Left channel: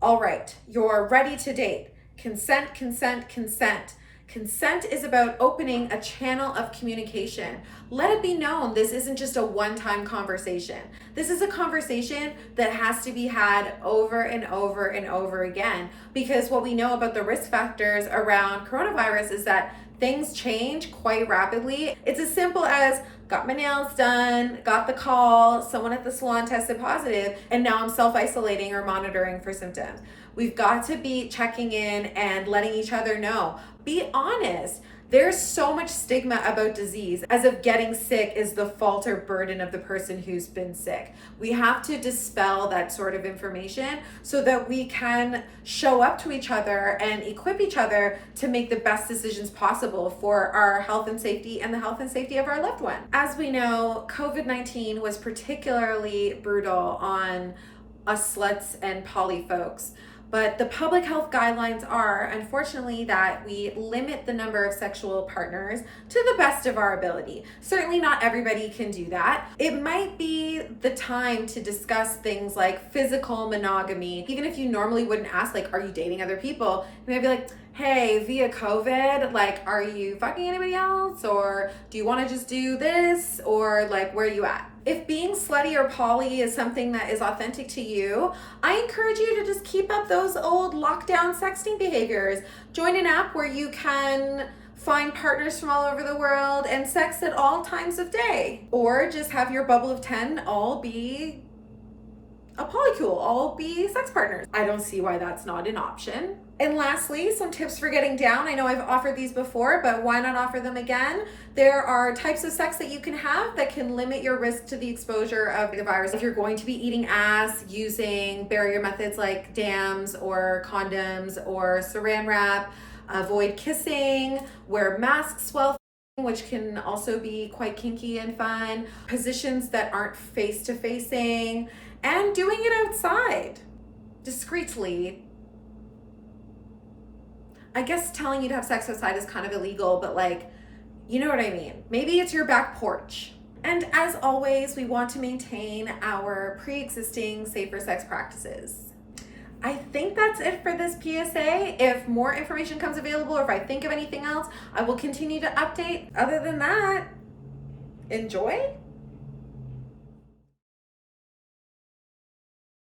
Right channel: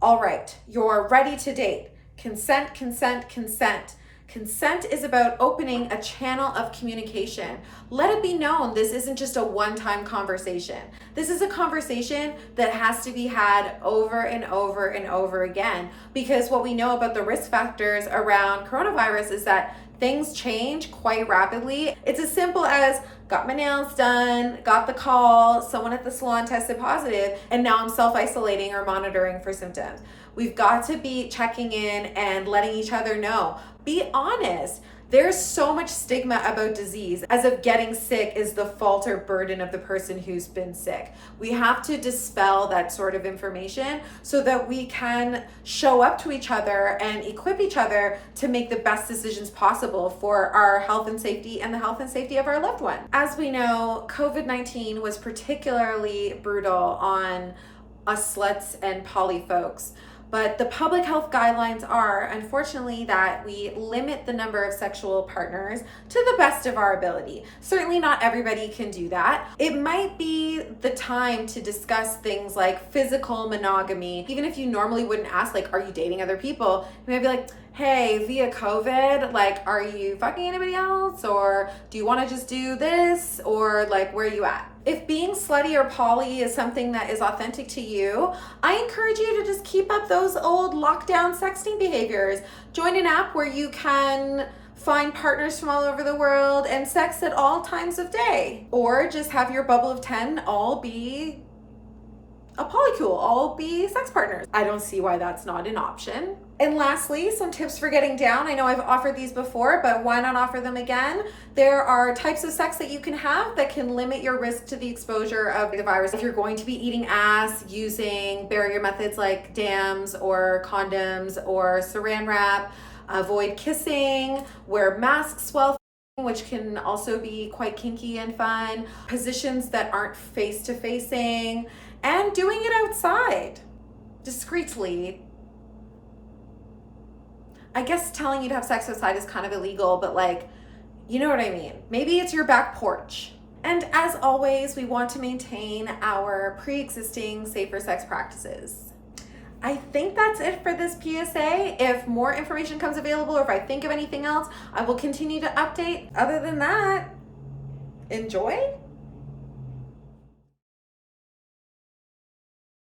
All right, you're ready to date. Consent, consent, consent. Consent is about opening a channel of communication. Let it be known this isn't just a one-time conversation. This is a conversation that has to be had over and over and over again, because what we know about the risk factors around coronavirus is that things change quite rapidly. It's as simple as got my nails done, got the call, someone at the salon tested positive, and now I'm self-isolating or monitoring for symptoms. We've got to be checking in and letting each other know. Be honest. There's so much stigma about disease, as if getting sick is the fault or burden of the person who's been sick. We have to dispel that sort of information so that we can show up to each other and equip each other to make the best decisions possible for our health and safety and the health and safety of our loved one. As we know, COVID-19 was particularly brutal on us sluts and poly folks. But the public health guidelines are, unfortunately, that we limit the number of sexual partners to the best of our ability. Certainly not everybody can do that. It might be the time to discuss things like physical monogamy. Even if you normally wouldn't ask, like, are you dating other people? You might be like, hey, via COVID, like, are you fucking anybody else? Or do you want to just do this? Or like, where are you at? If being slutty or poly is something that is authentic to you, I encourage you to just keep up those old lockdown sexting behaviors. Join an app where you can find partners from all over the world and sex at all times of day. Or just have your bubble of 10 all be a polycule, all be sex partners. I don't see why that's not an option. And lastly, some tips for getting down. I know I've offered these before, but why not offer them again? There are types of sex that you can have that can limit your risk to the exposure of the virus. If you're going to be eating ass, using barrier methods like dams or condoms or saran wrap, avoid kissing, wear masks while which can also be quite kinky and fun, positions that aren't face-to-facing, and doing it outside discreetly. I guess telling you to have sex outside is kind of illegal, but like, you know what I mean. Maybe it's your back porch. And as always, we want to maintain our pre-existing safer sex practices. I think that's it for this PSA. If more information comes available or if I think of anything else, I will continue to update. Other than that, enjoy.